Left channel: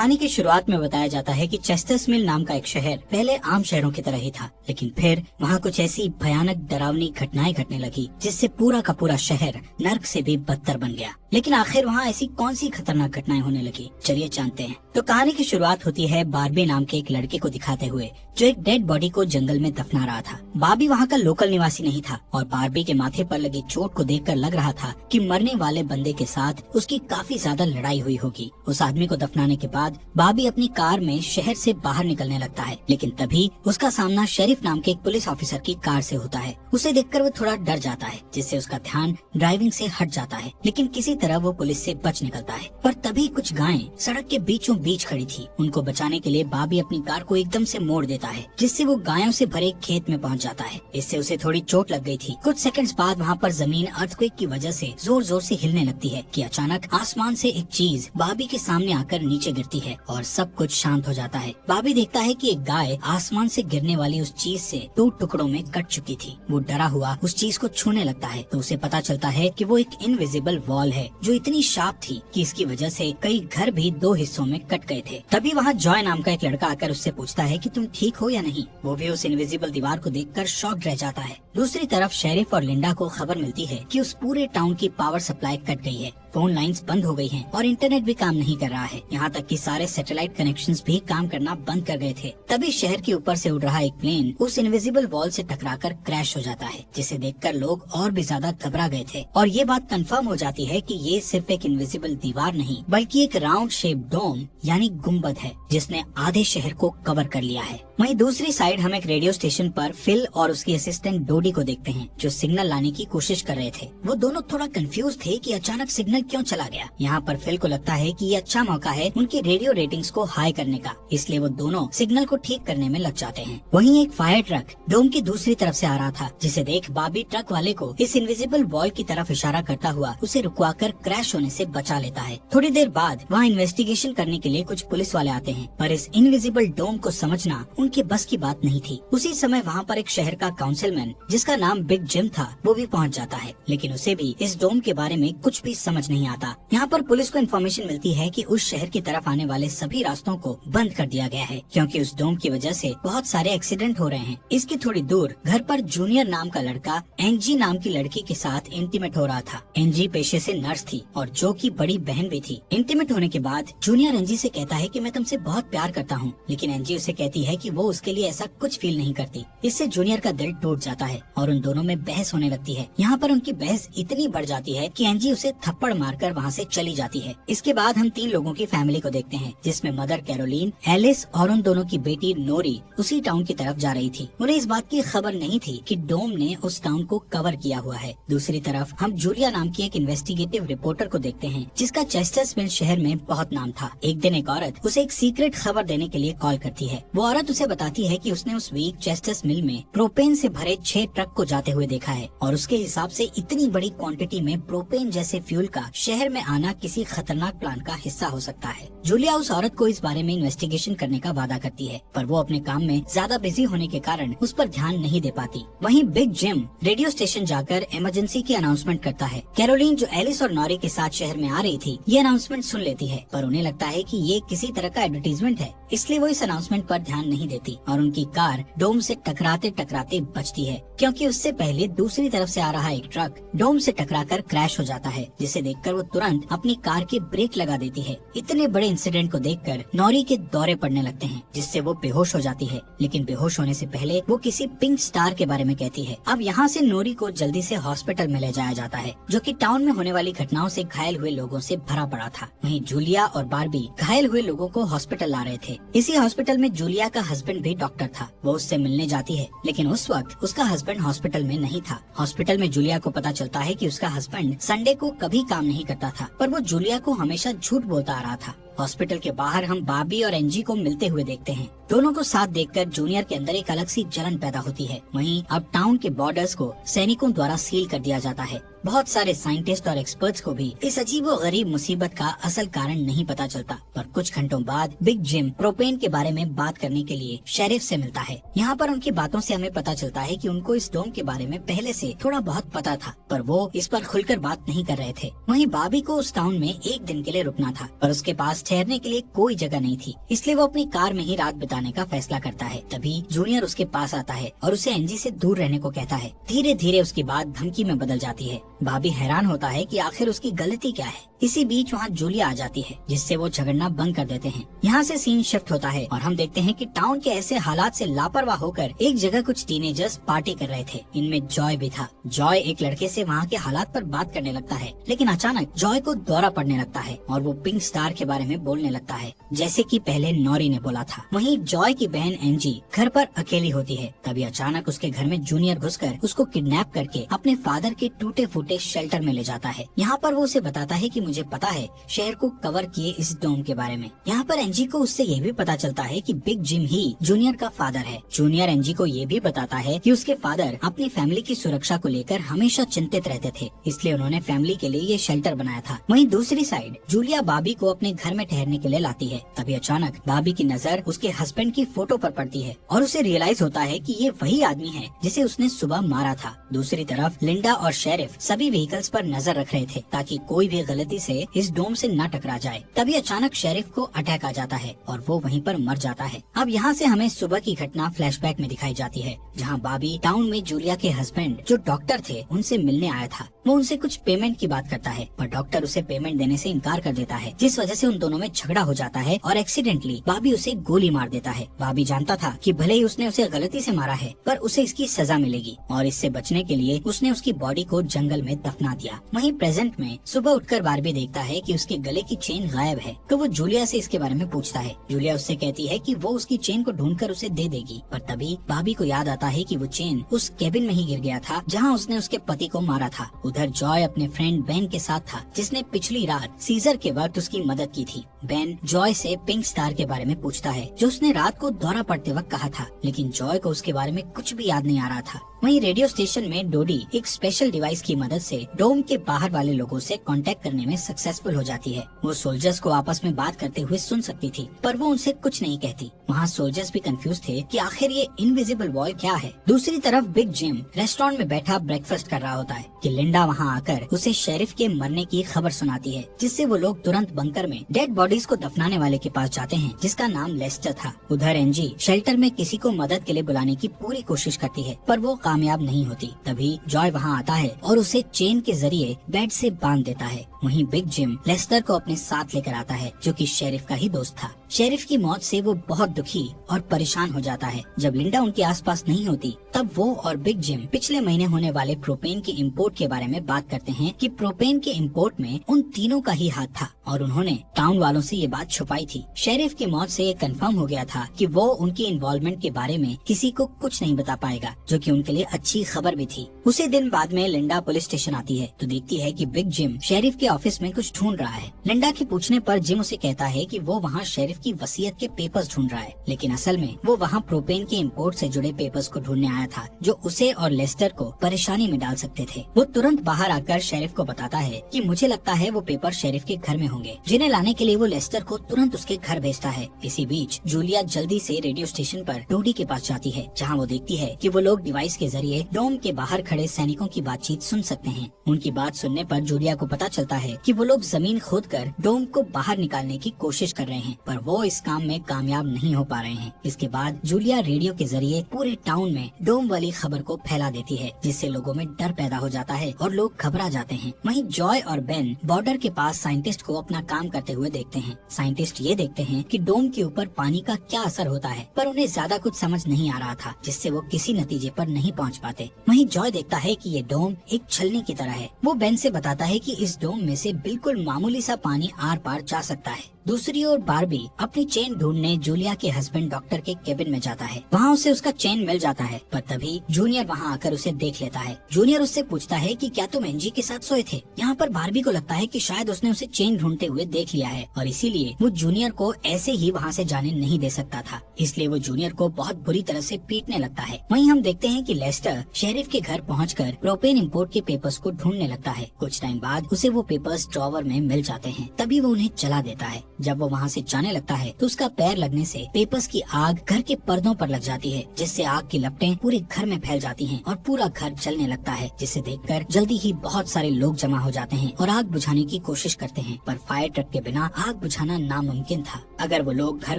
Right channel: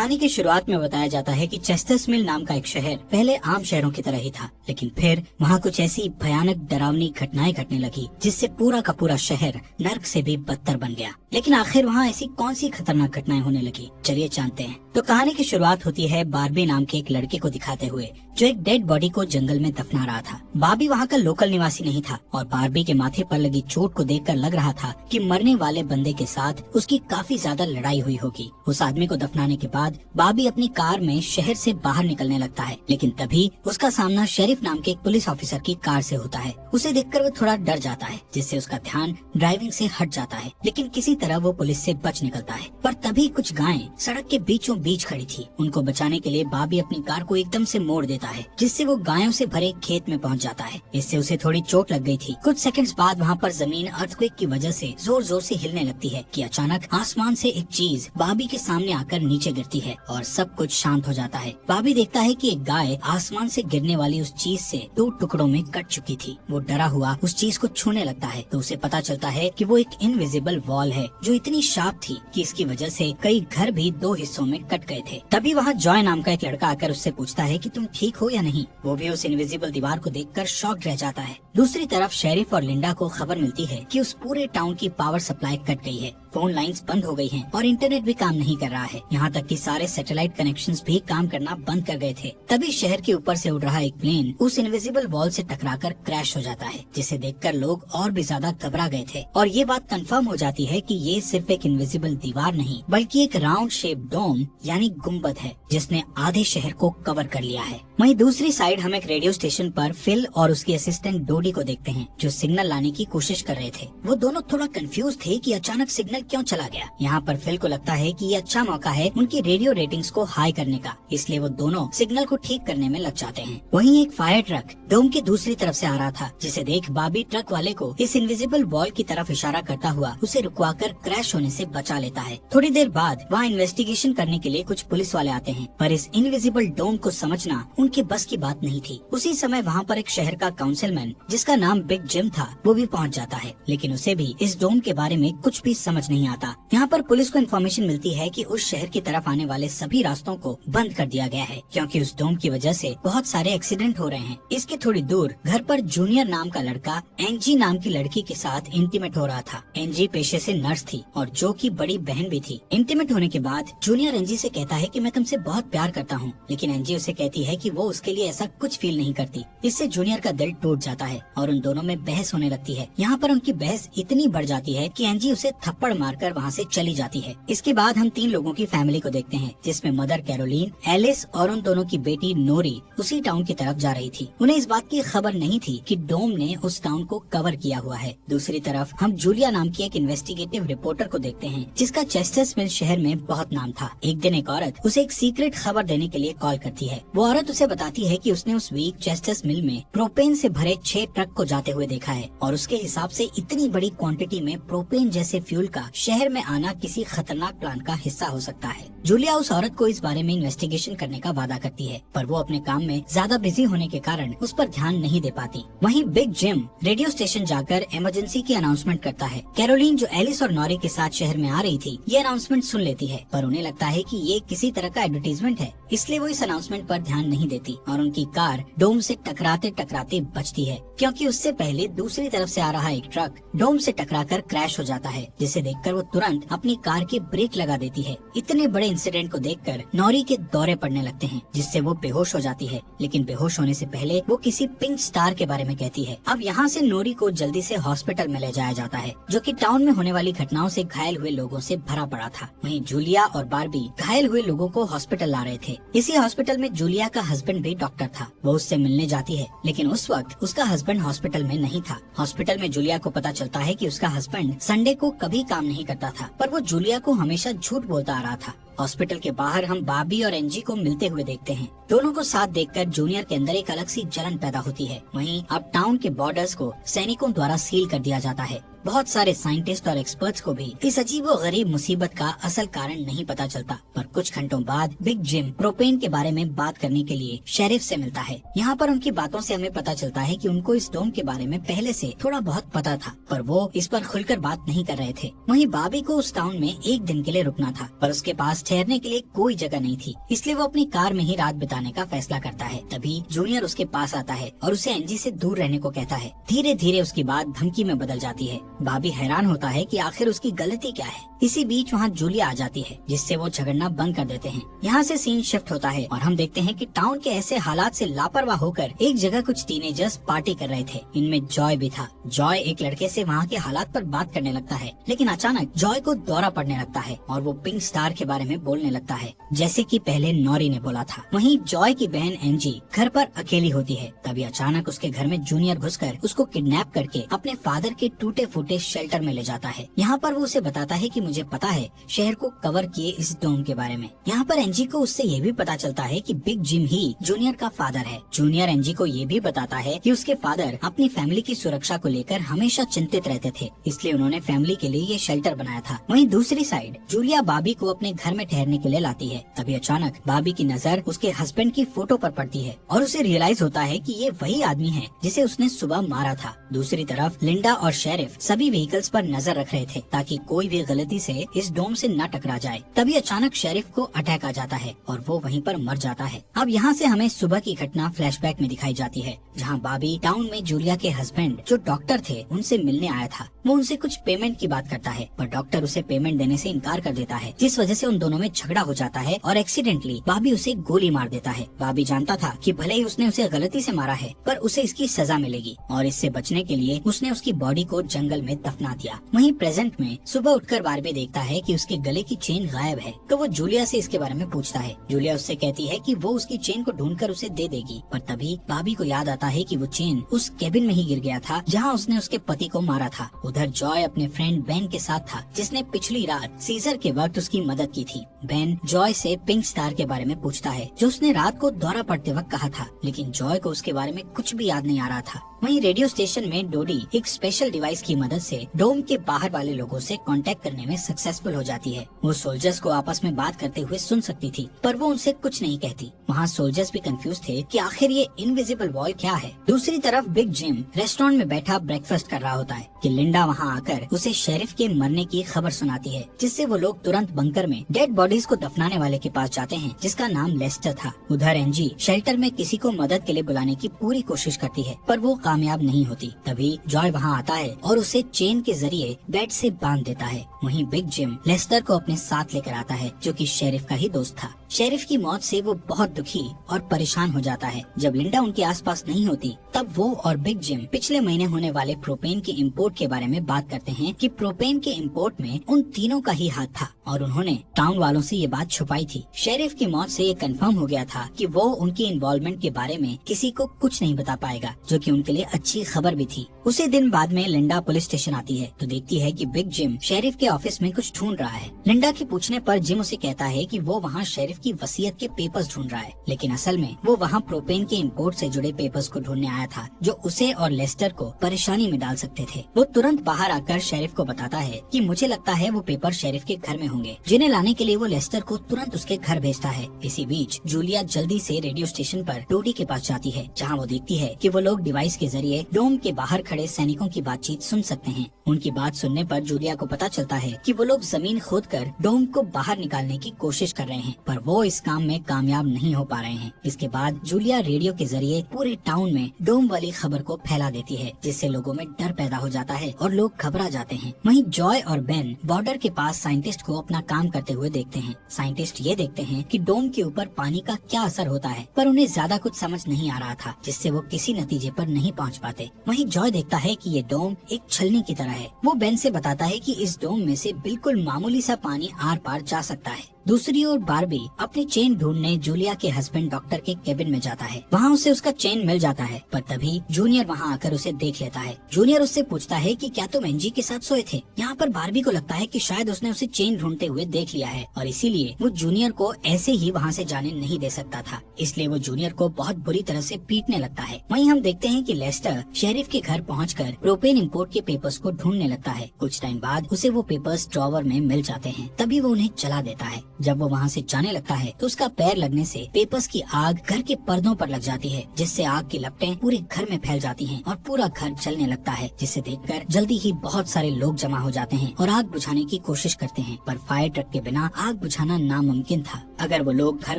कहानी की शुरुआत में बताया जाता है कि चेस्टर्स मिल नाम का एक शहर पहले आम शहरों की तरह ही था, लेकिन फिर वहाँ कुछ ऐसी भयानक डरावनी घटनाएं घटने लगी जिससे पूरा का पूरा शहर नर्क से भी बदतर बन गया। लेकिन आखिर वहाँ ऐसी कौन सी खतरनाक घटनाएं होने लगी, चलिए जानते हैं। तो कहानी की शुरुआत होती है बार्बी नाम के एक लड़के को दिखाते हुए जो एक डेड बॉडी को जंगल में दफना रहा था। बार्बी वहाँ का लोकल निवासी नहीं था और बार्बी के माथे पर लगी चोट को देखकर लग रहा था कि मरने वाले बंदे के साथ उसकी काफी ज्यादा लड़ाई हुई होगी। उस आदमी को दफनाने के बाद बार्बी अपनी कार में शहर से बाहर निकलने लगता है, लेकिन तभी उसका सामना शेरिफ नाम के एक पुलिस ऑफिसर की कार से होता है। उसे देखकर वो थोड़ा डर जाता है, जिससे उसका ध्यान ड्राइविंग से हट जाता है, लेकिन किसी तरह वो पुलिस से बच निकलता है। पर तभी कुछ गायें सड़क के बीचों बीच खड़ी थी। उनको बचाने के लिए बार्बी अपनी कार को एकदम से मोड़ देता है, जिससे वो गायों से भरे खेत में पहुंच जाता है। इससे उसे थोड़ी चोट लग गई थी। कुछ सेकंड्स बाद वहाँ पर जमीन अर्थक्वेक की वजह से जोर जोर से हिलने लगती है कि अचानक आसमान से एक चीज बार्बी के सामने आकर नीचे गिरती है और सब कुछ शांत हो जाता है। बार्बी देखता है कि एक गाय आसमान से गिरने वाली उस चीज से 2 टुकड़ों में कट चुकी थी। वो डरा हुआ उस चीज को छूने लगता है तो उसे पता चलता है कि वो एक इनविजिबल वॉल है जो इतनी शार्प थी कि इसकी वजह से कई घर भी 2 हिस्सों में कट गए थे। तभी वहाँ जॉय नाम का एक लड़का आकर उससे पूछता है कि तुम ठीक हो या नहीं। वो भी उस इनविजिबल दीवार को देखकर शॉक्ड रह जाता है। दूसरी तरफ शेरिफ और लिंडा को खबर मिलती है कि उस पूरे टाउन की पावर सप्लाई कट गई है, फोन लाइंस बंद हो गई हैं और इंटरनेट भी काम नहीं कर रहा है। यहाँ तक कि सारे सैटेलाइट कनेक्शंस भी काम करना बंद कर गए थे। तभी शहर के ऊपर से उड़ रहा एक प्लेन उस इनविजिबल वॉल से टकराकर क्रैश हो जाता है, जिसे देखकर लोग और भी ज्यादा घबरा गए थे। और ये बात कंफर्म हो जाती है कि ये सिर्फ एक इनविजिबल दीवार नहीं बल्कि एक राउंड शेप डोम यानी गुम्बद है, जिसने आधे शहर को कवर कर लिया है। वहीं दूसरी साइड हम एक रेडियो स्टेशन पर फिल और उसके असिस्टेंट डोडी को देखते हैं जो सिग्नल लाने की कोशिश कर रहे थे। वो दोनों थोड़ा कंफ्यूज थे कि अचानक सिग्नल क्यों चला गया। यहाँ पर फिल को लगता है कि ये अच्छा मौका है उनकी रेडियो रेटिंग्स को हाई करने का, इसलिए वो दोनों सिग्नल को ठीक करने में लग जाते हैं। वहीं एक फायर ट्रक डोम की दूसरी तरफ से आ रहा था, जिसे देख बार्बी ट्रक वाले को इस इनविजिबल वॉल की तरफ इशारा करता हुआ उसे रुकवाकर क्रैश होने से बचा लेता है। थोड़ी देर बाद वहाँ इन्वेस्टिगेशन करने के लिए कुछ पुलिस वाले आते हैं, पर इस इनविजिबल डोम को समझना उनके बस की बात नहीं थी। उसी समय वहाँ पर एक शहर का काउंसिलमैन जिसका नाम बिग जिम था वो भी पहुँच जाता है, लेकिन उसे भी इस डोम के बारे में कुछ भी समझ नहीं आता। यहाँ पर पुलिस को इन्फॉर्मेशन मिलती है कि उस शहर की तरफ आने वाले सभी रास्तों को बंद कर दिया गया है, क्योंकि उस डोम की वजह से बहुत सारे एक्सीडेंट हो रहे हैं। इसके थोड़ी दूर घर पर जूनियर नाम का लड़का एंजी नाम की लड़की के साथ इंटीमेट हो रहा था। एंजी पेशे से नर्स थी और जो की बड़ी बहन भी थी। इंटीमेट होने के बाद जूनियर एंजी से कहता है कि मैं तुमसे बहुत प्यार करता हूँ, लेकिन एंजी उसे कहती है कि वो उसके लिए ऐसा कुछ फील नहीं करती। इससे जूनियर का दिल टूट जाता है और उन दोनों में बहस होने लगती है। यहाँ पर उनकी बहस इतनी बढ़ जाती है कि एंजी उसे थप्पड़ मारकर वहाँ से चली जाती है। इसके बाद हम 3 लोगों की फैमिली को देखते हैं, जिसमें मदर कैरोलीन, एलिस और उन दोनों की बेटी नोरी उसी टाउन की तरफ जा रही थी। उन्हें इस बात की खबर नहीं थी कि डोम ने उस टाउन को कवर किया हुआ है। दूसरी तरफ हम जूलिया नाम की एक इन्वेस्टिगेटिव रिपोर्टर को देखते हैं, जिसका चेस्टर्स मिल शहर में बहुत नाम था। एक दिन एक औरत उसे एक सीक्रेट खबर देने के लिए कॉल करती है। वो औरत उसे बताती है कि उसने उस वीक चेस्टर्स मिल में प्रोपेन से भरे 6 ट्रक को जाते हुए देखा है और उसके हिसाब से इतनी बड़ी क्वांटिटी में प्रोपेन जैसे फ्यूल का शहर में आना किसी खतरनाक प्लान का हिस्सा हो सकता है। जूलिया उस औरत को इस बारे में इन्वेस्टिगेशन करने का वादा करती है, पर वो अपने काम में ज्यादा बिजी होने के कारण उस पर ध्यान नहीं दे पाती। वहीं बिग जिम रेडियो स्टेशन जाकर इमरजेंसी की अनाउंसमेंट करता है। कैरोलीन जो एलिस और नॉरी के साथ शहर में आ रही थी, ये अनाउंसमेंट सुन लेती है, पर उन्हें लगता है कि ये किसी तरह का एडवर्टीजमेंट है, इसलिए वो इस अनाउंसमेंट पर ध्यान नहीं देती और उनकी कार डोम से टकराते टकराते बचती है, क्योंकि उससे पहले दूसरी तरफ से आ रहा एक ट्रक डोम से टकराकर क्रैश हो जाता है, जिसे देखकर वो तुरंत अपनी कार के ब्रेक लगा देती है। इतने बड़े इंसिडेंट को देखकर नॉरी के दौरे पड़ने लगते हैं, जिससे वो बेहोश हो जाती है, लेकिन बेहोश होने से पहले वो किसी पिंक स्टार के बारे में कहती है। अब यहाँ से नोरी को जल्दी से हॉस्पिटल में ले जाया जाता है, जो कि टाउन में होने वाली घटनाओं से घायल हुए लोगों से भरा पड़ा था। वहीं जूलिया और बार्बी घायल हुए लोगों को हॉस्पिटल ला रहे थे। इसी हॉस्पिटल में जूलिया का हस्बैंड भी डॉक्टर था। वो उससे मिलने जाती है, लेकिन उस वक्त उसका हस्बैंड हॉस्पिटल में नहीं था। हॉस्पिटल में जूलिया को पता चलता है कि उसका हस्बैंड संडे को कभी काम नहीं करता था, पर वो जूलिया को हमेशा झूठ बोलता आ रहा था। हॉस्पिटल के बाहर हम बार्बी और एंजी को मिलते हुए देखते हैं। दोनों को साथ देखकर जूनियर के अंदर एक अलग सी जलन पैदा होती है। वहीं अब टाउन के बॉर्डर्स को सैनिकों द्वारा सील कर दिया जाता है। बहुत सारे साइंटिस्ट और एक्सपर्ट्स को भी इस अजीबो गरीब मुसीबत का असल कारण नहीं पता चलता। पर कुछ घंटों बाद बिग जिम प्रोपेन के बारे में बात करने के लिए शेरिफ से मिलता है। यहाँ पर उनकी बातों से हमें पता चलता है कि उनको इस डोम के बारे में पहले से थोड़ा बहुत पता था, पर वो इस पर खुलकर बात नहीं कर रहे थे। वहीं बॉबी को उस टाउन में एक दिन के लिए रुकना था, पर उसके पास ठहरने के लिए कोई जगह नहीं थी, इसलिए वो अपनी कार में ही रात बिताने का फैसला करता है। तभी जूनियर उसके पास आता है और उसे एंजी से दूर रहने को कहता है। धीरे धीरे उसकी बात धमकी में बदल जाती है। बॉबी हैरान होता है कि आखिर उसकी गलती क्या है। इसी बीच वहाँ जूलिया आ जाती है, जिससे वो झगड़ना बंद कर देते हैं। यहाँ से सीन शिफ्ट होता है और हम देखते हैं कि टाउन के ऐसे हालात से लापरवाह होकर एक जगह कुछ टीनेजर्स पार्टी कर रहे थे। इनमें जॉय भी था। जॉय एक लड़के से वहाँ के हालात पर बात करने लगता है, लेकिन अचानक जॉय को दौरा पड़ने लगता है और वो पिंक स्टार के बारे में बोलने लगता है, जैसे कि पहले नॉरी ने बोला था। वहीं जॉय की बहन एंजी घर पर अकेली होती है। तभी अचानक उसके घर में जूनियर घुसकर उसको किडनैप करके अपने फादर के टूटे फूटे शेल्टर में ले जाता है। यहाँ पर वो उसे बताता है कि मुझे पता है शहर को कवर किए इस डोम के बारे में। यहाँ पर एंजी को उससे ये भी पता चलता है कि बिग जिम ही जूनियर का फादर है। जूनियर एंजी को ये भी बताता है कि उसके फादर अपनी फैमिली की सुरक्षा को लेकर हमेशा चिंतित रहते थे, इसलिए उन्होंने फैमिली के लिए ये शेल्टर बनाया था। वहीं दूसरी साइड जूलिया बॉबी को अपने घर में ठहरने के लिए लाती है। तभी अचानक बॉबी की नजर उसके हस्बैंड की फोटो पर पड़ती है और उसे रियलाइज होता है कि ये वही आदमी है जिसे उसने सुबह मारा था। दूसरी तरफ लिंडा और शेरिफ सभी व्हीकल्स पर नजर रख रहे थे ताकि कोई भी गलती से इस डोम से न टकरा जाए। तभी अचानक शेरिफ को अटैक आ जाता है और वो वहीं पर मर जाता है। अब यहाँ से हमें सुबह की घटना फ्लैशबैक में दिखाई जाती है, जहाँ बॉबी टाउन में जूलिया के हस्बैंड जो डॉक्टर थे उनसे मिलने आया था। वो उनसे कुछ पेमेंट की बात करता है, पर डॉक्टर उसे पेमेंट देने से इनकार कर देता है, जिस वजह से उन दोनों में झगड़ा हो जाता है और एक्सीडेंटली बॉबी उसे गोली मार देता है। बॉबी जानता था कि भले ही उसने उसे गलती से मारा है, पर उसे इसकी सजा मिलेगी और इससे बचने के लिए उसने उसकी बॉडी को जंगल में दफना दिया। वहीं प्रेजेंट में सुबह उठकर बारबी देखता है कि उसकी गले की चेन गायब है, तो वो जूलिया से इसके बारे में पूछता है। जूलिया उससे कहती है कि वो उसकी चेन को ढूंढकर उसे दे देगी, पर तभी बॉबी को याद आता है कि वो चेन उस केबिन में ही गिर गया था जहां उसने उसके पति को मारा था। उधर जॉय अपने फ्रेंड बेन के साथ था, जिसने पिछली रात सीजर के वक्त उसकी मदद की थी। बेन जॉय से पिंक स्टार के बारे में पूछता है, जो उसने रात को दौरा पड़ते वक्त कहा था, लेकिन जॉय को उसके बारे में कुछ भी याद नहीं आ रहा था। वहीं रेडियो स्टेशन में डोडी एक स्पेशल डिवाइस की मदद से डोम के बाहर वाले लोगों से कांटेक्ट करने में सक्सेसफुल हो जाती है। वो सोल्जर्स को आपस में बात करते हुए सुन सकती थी, पर वो उनसे कुछ नहीं कहती। वहाँ सोल्जर्स भी कंफ्यूज थे कि आखिर ये इनविजिबल वॉल क्या है। दूसरी तरफ बिग जिम रेस्टोरेंट में बैठा ब्रेकफास्ट कर रहा होता है कि लिंडा वहाँ आकर उसे शेरिफ के मरने की खबर सुनाती है, जिससे वो लोग तुरंत बंकर में डेड बॉडीज को दफनाने वाले के पास जाते हैं, जिसका नाम लेस्टर था। उधर एंजी शेल्टर में किसी को मदद के लिए बुलाने की पूरी कोशिश करती है, पर वो कामयाब नहीं होती। तभी जॉय वहाँ आता है और उसे चेन के जरिए बेड से बांध देता है। वहीं बिग जिम लेस्टर को अपने साथ लेकर आता है, जो कि शेरिफ का ही दोस्त था। शेरिफ की मौत से वो बहुत दुखी और परेशान हो जाता है। जब लिंडा उनके आसपास नहीं होती, तब वो और बिग जिम पिछले महीने होने वाले प्रोपेन के इम्पोर्ट के बारे में बात करते हैं कि प्रोपेन के इम्पोर्ट में उन तीनों का ही हाथ था और उन्होंने टाउन वालों से ये बात छुपाई थी। शेरिफ की मौत से ये कंफर्म हो गया था कि वो उनकी इन्वॉल्वमेंट के बारे में किसी को कुछ नहीं बता पाएगा, जो कि उनके लिए अच्छी खबर भी थी। उसी दिन बाद में लिंडा पुलिस स्टेशन आती है तो देखती है कि बिग जिम शेरिफ के ऑफिस में कुछ ढूंढ रहा है। लिंडा के पूछने पर जिम उसे कहता है कि वो वहाँ शेरिफ की वसीयत के पेपर्स ढूंढ रहा है, लेकिन असल में वो वहाँ प्रोपेन के इम्पोर्ट से जुड़े पेपर्स को ढूंढने आया था, जो उसे और लेस्टर को परेशानी में डाल सकते थे। वो तुरंत बाहर आकर शेरिफ को बताता है कि मुझे लगता है वो पेपर शेरिफ के घर में होंगे, जिन्हें लाने के लिए वो लेस्टर को तुरंत उसके घर भेजता है। इसी बीच जूलिया जल्दी से रेडियो स्टेशन पर डोडी के पास जाती है, जहाँ वो देखती है कि वो लोग डिवाइस के जरिए डोम के बाहर खड़े सैनिकों की बातचीत सुन सकते हैं। उनकी बात सुनने पर जूलिया को पता चलता है कि वो लोग जमीन खोदकर डोम को बाहर निकालने की कोशिश कर रहे हैं, पर वो इस काम में कामयाब नहीं हो पा रहे हैं। इसके बाद जूलिया रेडियो के जरिए पूरे टाउन में डोम वाली खबर को फैला देती है, जिससे लोगों में डर पैदा हो जाता है और लोग घबरा जाते हैं। वहीं जॉय और बेन बॉर्डर के पास साइंटिस्ट को अपना काम करते हुए देखते हैं। साइंटिस्ट ये देखते हैं कि डोम के ऊपर पानी का क्या असर होता है, पर उन्हें ज्यादा कुछ समझ नहीं आ रहा था, जिससे वो किसी नतीजे पर नहीं पहुंच पाते। वहीं जॉय देखता है कि ये डोम एक छलनी की तरह है। वो बेन से बताता है कि इस डोम में से बिल्कुल मामूली सा पानी आर पार जा सकता है। दूसरी ओर बार्बी अपनी चेन ढूंढने जूलिया के हस्बैंड डॉक्टर के केबिन में जाता है। वहाँ उसे उसका चेन मिल जाता है, पर तभी जूनियर वहाँ आकर उसे देख लेता है। जूनियर उससे पूछता है कि क्या तुम एंजी के साथ सोए थे। यहाँ पर बार्बी को लगता है कि शायद उसने उसे चेन ढूंढते हुए देख लिया है और इसीलिए वो जूनियर को ऐसे ही वहाँ से जाने नहीं दे सकता था, इसलिए वो जूनियर को बहुत बुरी तरह से पीटने लगता है। वहीं हम देखते हैं कि लेस्टर शेरिफ के घर पहुंचकर प्रोपेन इंपोर्ट के पेपर्स को ढूंढने लगता है। कुछ टाइम बाद उसे वो पेपर्स ड्रॉवर में मिल जाते हैं, तभी वो उन्हें जला देता है। जब वो वहाँ से जाने लगता है तो उसका पैर लगने से पेपर्स की आग घर के पर्दों पर लग जाती है, जिससे आग की लपटें पूरे घर में फैल जाती हैं और पूरा घर जलने लगता है, जिसे देखकर जल्दी ही बहुत सारे लोग जमा हो जाते हैं और आग बुझाने की कोशिश करते हैं, पर फायर ट्रक के बिना आग बुझाना नामुमकिन था। अगर वो लोग घर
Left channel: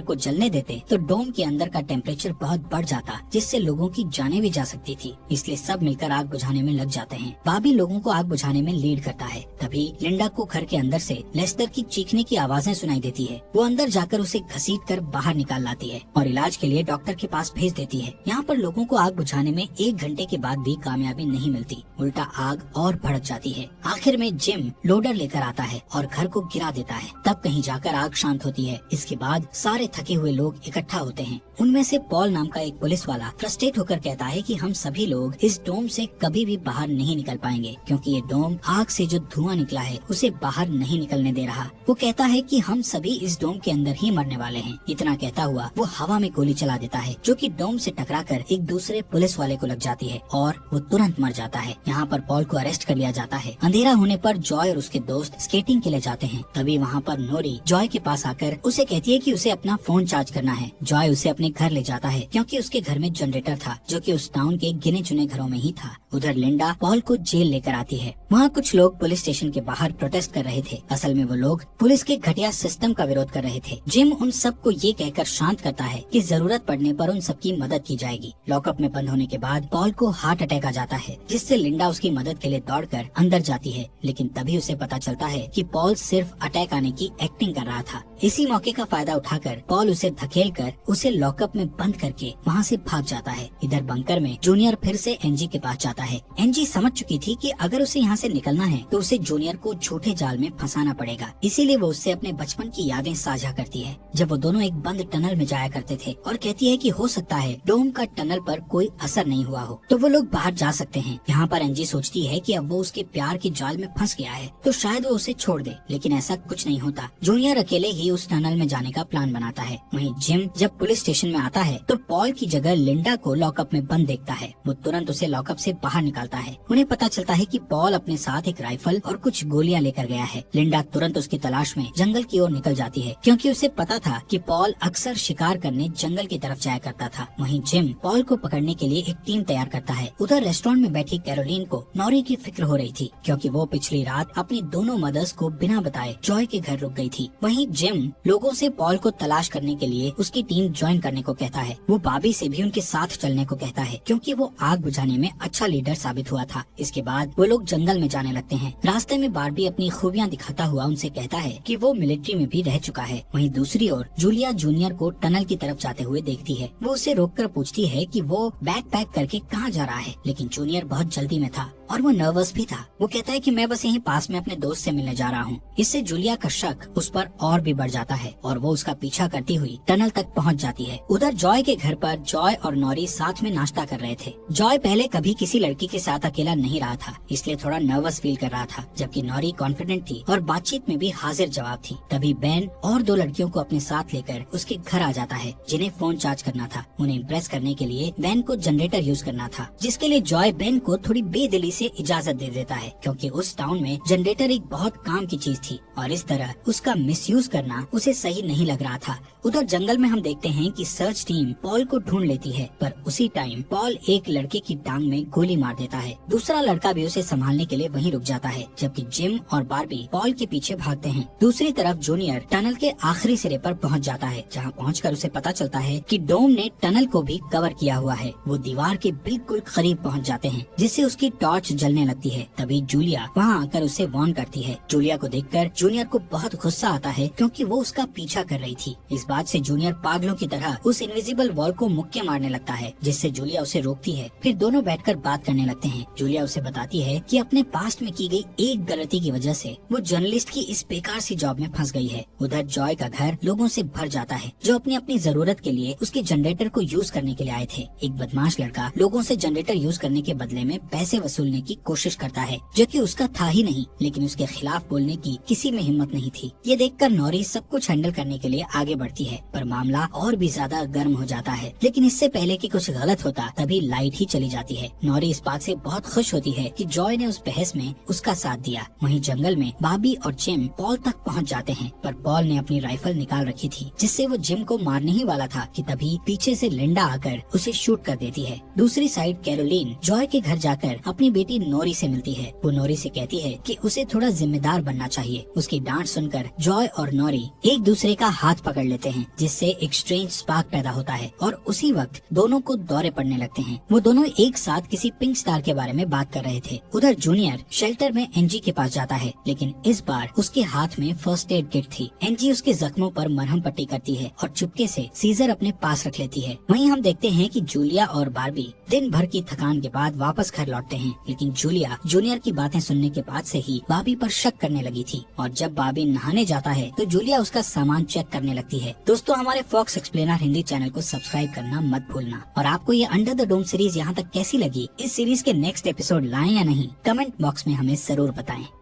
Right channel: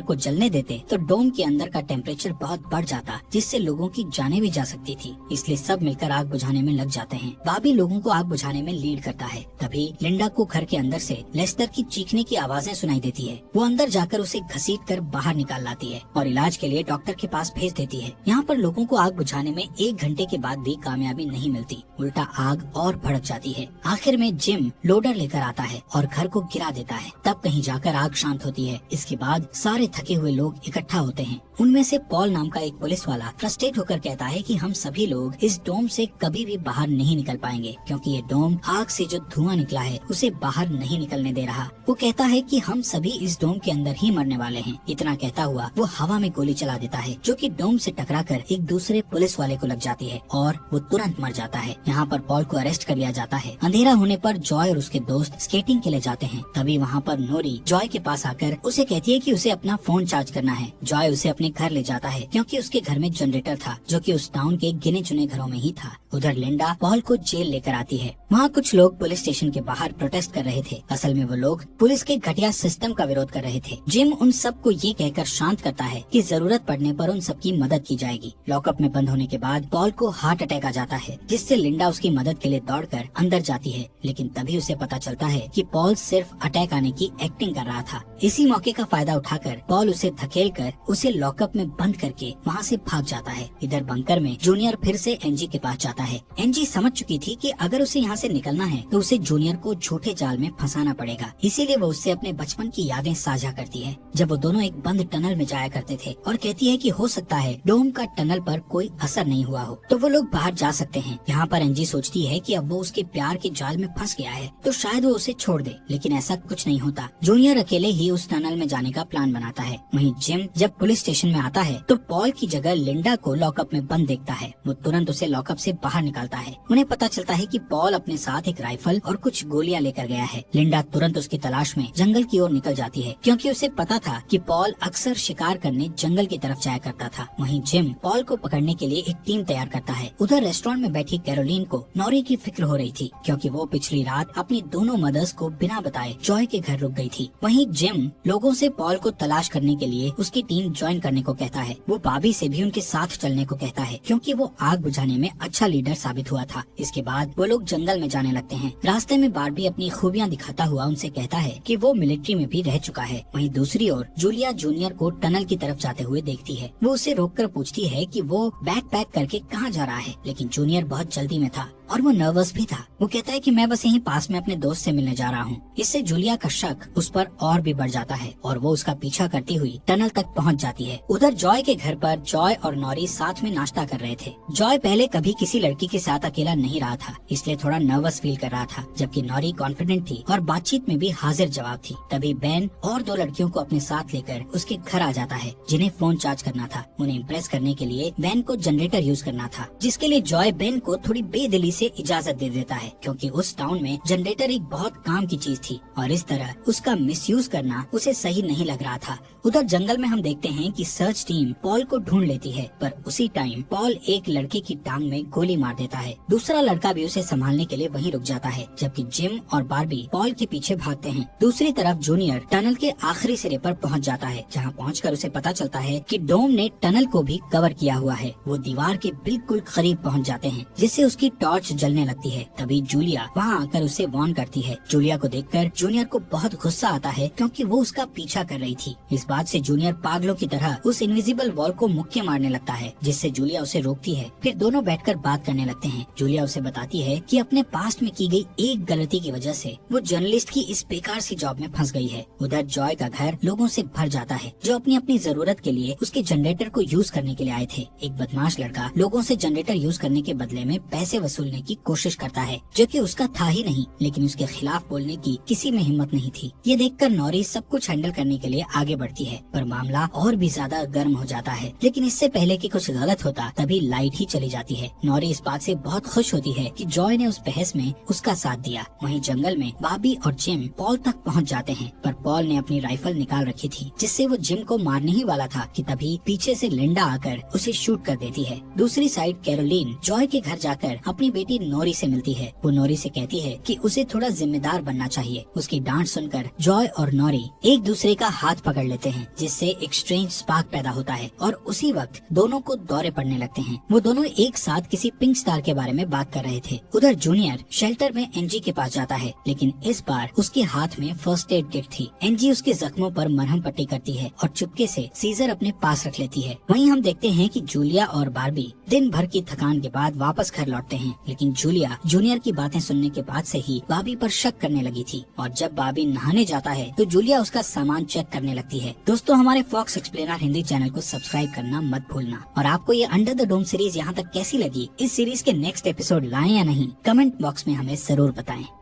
को जलने देते तो डोम के अंदर का टेम्परेचर बहुत बढ़ जाता, जिससे लोगों की जानें भी जा सकती थी, इसलिए सब मिलकर आग बुझाने में लग जाते हैं। बाबी लोगों को आग बुझाने में लीड करता है। तभी लिंडा को घर के अंदर से लेस्टर की चीखने की आवाजें सुनाई देती है। वो अंदर जाकर उसे घसीट कर बाहर निकाल लाती है और इलाज के लिए डॉक्टर के पास भेज देती है। यहाँ पर लोगों को आग बुझाने में 1 घंटे के बाद भी कामयाबी नहीं मिलती, उल्टा आग और भड़क जाती है। आखिर में जिम लोडर लेकर आता है और घर को गिरा देता है, तब कहीं जाकर आग शांत होती है। इसके बाद सारे थके हुए लोग इकट्ठा होते हैं। उनमें से पॉल नाम का एक पुलिस वाला फ्रस्ट्रेट होकर कहता है कि हम सभी लोग इस डोम से कभी भी बाहर नहीं निकल पाएंगे, क्योंकि ये डोम आग से जो धुआं निकला है उसे बाहर नहीं निकलने दे रहा। वो कहता है कि हम सभी इस डोम के अंदर ही मरने वाले हैं। इतना कहता हुआ वो हवा में गोली चला देता है, जो कि डोम से टकराकर एक दूसरे पुलिस वाले को लग जाती है और वो तुरंत मर जाता है। यहाँ पर पॉल को अरेस्ट कर लिया जाता है। अंधेरा होने पर जॉय और उसके दोस्त स्केटिंग के लिए जाते हैं। तभी वहाँ पर नोरी जॉय के पास आकर उसे कहती है कि उसे अपना फोन चार्ज करना है। जॉय उसे अपने घर ले जाता है, क्योंकि उसके घर में जनरेटर था, जो कि उस टाउन के गिने चुने घरों में ही था। उधर लिंडा पॉल को जेल लेकर आती है। वहाँ कुछ लोग पुलिस स्टेशन के बाहर प्रोटेस्ट कर रहे थे। असल में वो लोग पुलिस के घटिया सिस्टम का विरोध कर रहे थे। जिम उन सबको ये कहकर शांत करता है कि जरूरत पड़ने पर उन सबकी मदद की जाएगी। लॉकअप में बंद होने के बाद पॉल को हार्ट अटैक आ जाता है, जिससे लिंडा उसकी मदद के लिए दौड़कर अंदर जाती है, लेकिन तभी उसे पता चलता है कि पॉल सिर्फ अटैक आने की एक्टिंग कर रहा था। इसी मौके का फायदा उठाकर पॉल उसे धकेलकर उसे लॉकअप में बंद करके वहाँ से भाग जाता है। इधर बंकर में जूनियर फिर से एनजी के पास जाता है। एनजी समझ चुकी थी कि अगर उसे यहाँ से निकलना है तो उसे जूनियर को झूठे जाल में फंसाना पड़ेगा, इसीलिए वो उससे अपने बचपन की यादें साझा करती है, जब वो दोनों एक बंद टनल में जाया करते थे, और कहती है कि हो सकता है डोम का टनल पर कोई असर नहीं हुआ हो तो वो लोग बाहर जा सकते हैं। यहाँ पर एनजी सोचती है कि अब वो उसके प्यार के जाल में फंस गया है तो शायद वो उसे छोड़ दे, लेकिन ऐसा कुछ नहीं होता। जूनियर अकेले ही उस टनल में जाने का प्लान बनाता है। वहीं जिम जब पुलिस स्टेशन में आता है तो पॉल की जगह लिंडा को लॉकअप में बंद देखता है। वो तुरंत उसे लॉकअप से बाहर निकालता है। उन्हें पता चलता है कि पॉल अपने साथ एक राइफल और कुछ गोलियां लेकर गया है। लिंडा तुरंत उसकी तलाश में जंगल की ओर निकल जाती है, क्योंकि उसे पता था कि पॉल अक्सर शिकार करने जंगल की तरफ जाया करता था। वहीं जिम पॉल को पकड़ने के लिए एक टीम तैयार करता है। उधर रेस्टोरेंट में बैठी कैरोलीन को नौरी की फिक्र हो रही थी, क्योंकि वो पिछली रात अपनी दोनों मदर्स को बिना बताए जॉय के घर रुक गई थी। वहीं जिम लोगों से पॉल को तलाश करने के लिए उसकी टीम ज्वाइन करने को कहता है। वो बाबी से भी उनके साथ चलने को कहता है, क्योंकि वो आग बुझाने में अच्छा लीडर साबित हुआ था। इसके बाद वो लोग जंगल में जाने लगते हैं। रास्ते में बार्बी अपनी खूबियां दिखाता हुआ उनसे कहता है कि वो मिलिट्री में भी रह चुका है। वहीं दूसरी ओर जूलिया जूनियर को टनल की तरफ जाते हुए देखती है। वो उसे रोककर पूछती है कि वो बैग पैक करके कहाँ जा रहा है, लेकिन जूनियर बहुत जल्दी में था और वो नर्वस भी था। वो कहता है कि मैं बस यहीं पास में अपने दोस्त से मिलने जा रहा हूँ। इससे जूलिया का शक उस पर और भी बढ़ जाता है और वो उसका पीछा करती हुई टनल तक पहुँच जाती है। उधर जॉय के घर पर जॉय और नौरी साथ में नाश्ता कर रहे थे। जॉय पहले कभी किसी लड़की के साथ अकेला नहीं रहा था, इसलिए थोड़ा नर्वस फील कर रहा था, जबकि नौरी कॉन्फिडेंट थी और बातचीत में भी हाजिर जवाब थी। तभी बेन और 2 लड़कियों को अपने साथ लेकर उसके घर आ जाता है, जिन्हें फोन चार्ज करना था। उन्हें इम्प्रेस करने के लिए बेन को जनरेटर यूज करना था, जिसके लिए जॉय बेन को थोड़ी बेदिली से इजाजत दे देता है, क्योंकि उस टाउन में जनरेटर एक बहुत काम की चीज थी और इस तरह उसका मिसयूज करना उसे सही नहीं लग रहा था। उधर जंगल में हम देखते हैं कि सर्च टीम पॉल को ढूंढ लेती है, पर उसी टाइम पॉल एक लड़के की टांग में गोली मार देता है। दूसरा लड़का भी उसे संभालने के लिए वहीं रुक जाता है, जबकि जिम और बार्बी पॉल के पीछे भागते हैं। दूसरी तरफ जूनियर टनल के आखिरी सिरे पर पहुंच जाता है, जहां पहुंचकर उसे पता चलता है कि डोम ने टनल को भी कवर किया हुआ है। वो दीवार के बिल्कुल करीब पहुंच जाते हैं, जिससे उसकी टॉर्च टॉर्च जलने लगती है। तभी जूलिया वहाँ आकर उसे वार्न करती है। जूलिया को देखकर जूनियर को बहुत गुस्सा आता है क्योंकि वो उसका पीछा कर रही थी। इस बात से जूनियर पागलों की तरह उस इनविजिबल वॉल को मुक्के मारने लगता है, जिससे जूलिया उसे रोकती है। फिर दोनों बैठकर बात करने लगते हैं। जूलिया उसे बताती है कि अपने पास्ट में की गई एक गलती की वजह से वो जर्नलिस्ट की इस बेकार सी जॉब में फंस गई है। उधर जॉय का घर लोगों से भर जाता है जो अपनी अपनी जरूरत के लिए उसके जनरेटर को यूज करने के लिए आए थे। एक बदमाश लड़का लोगों से जनरेटर यूज करने के बदले में पैसे वसूलने की कोशिश करता है, जो कि उसका था ही नहीं, लेकिन उसके खिलाफ बोलने की किसी में हिम्मत नहीं थी। ये देखकर नॉरी सब कुछ हैंडल करने के लिए आगे बढ़ती है, पर मामला और भी ज्यादा गर्म हो जाता है। लेकिन इससे पहले कि कुछ गलत होता तभी लाइट ही चली जाती है। नॉरी इस बात से बहुत खुश होती है कि जॉय ने उस बहस में उसका साथ दिया। वहीं जंगल में बॉबी और जिम पॉल तक पहुंच जाते हैं, पर पॉल ने अपनी राइफल निकाल रखी थी, जिससे वो जिम को मारने ही वाला था कि तभी पीछे से लिंडा आकर उसे शूट कर देती है। दूसरी साइड कैरोलीन जॉय के घर जाकर अपनी बेटी नोरी से मिलती है। वो नोरी से कहती है कि उसे थोड़ा जिम्मेदार बनना चाहिए। उसकी डांट सुनकर जॉय और नोरी एक दूसरे का हाथ पकड़ लेते हैं, जिससे एक स्ट्रेंज स्पार्क पैदा होता है और उसी वक्त दोनों को दौरे पड़ने लगते हैं। वो दोनों एक साथ किसी पिंक स्टार के बारे में बात कर रहे थे। उधर जूनियर शेल्टर में एनजी के पास जाता है, लेकिन इस बार उसके हाथ में फर्स्ट एड किट थी। एनजी उसके जख्मों पर मरहम पट्टी करती है और चुपके से सीजर अपने पास रख लेती है। वहीं हम देखते हैं कि जूलिया और बार्बी दिन भर की थकान के बाद वापस घर लौटते हैं, लेकिन जूलिया जूनियर की बातें सुनने के बाद से ही बार्बी पर शक करने लगी थी और जब बार्बी नहाने जाता है तो जूलिया उसका सामान चेक करने लगती है। दोस्तों, हमारे फॉक्स एक्सप्लेनर हिंदी चैनल को सब्सक्राइब करना मत भूलना। और आपको ये अंडर द डोम सीरीज यहाँ तक कैसी लगी, इस सीरीज के नेक्स्ट एपिसोड लाएं या नहीं, कमेंट बॉक्स में हमें जरूर बताएं।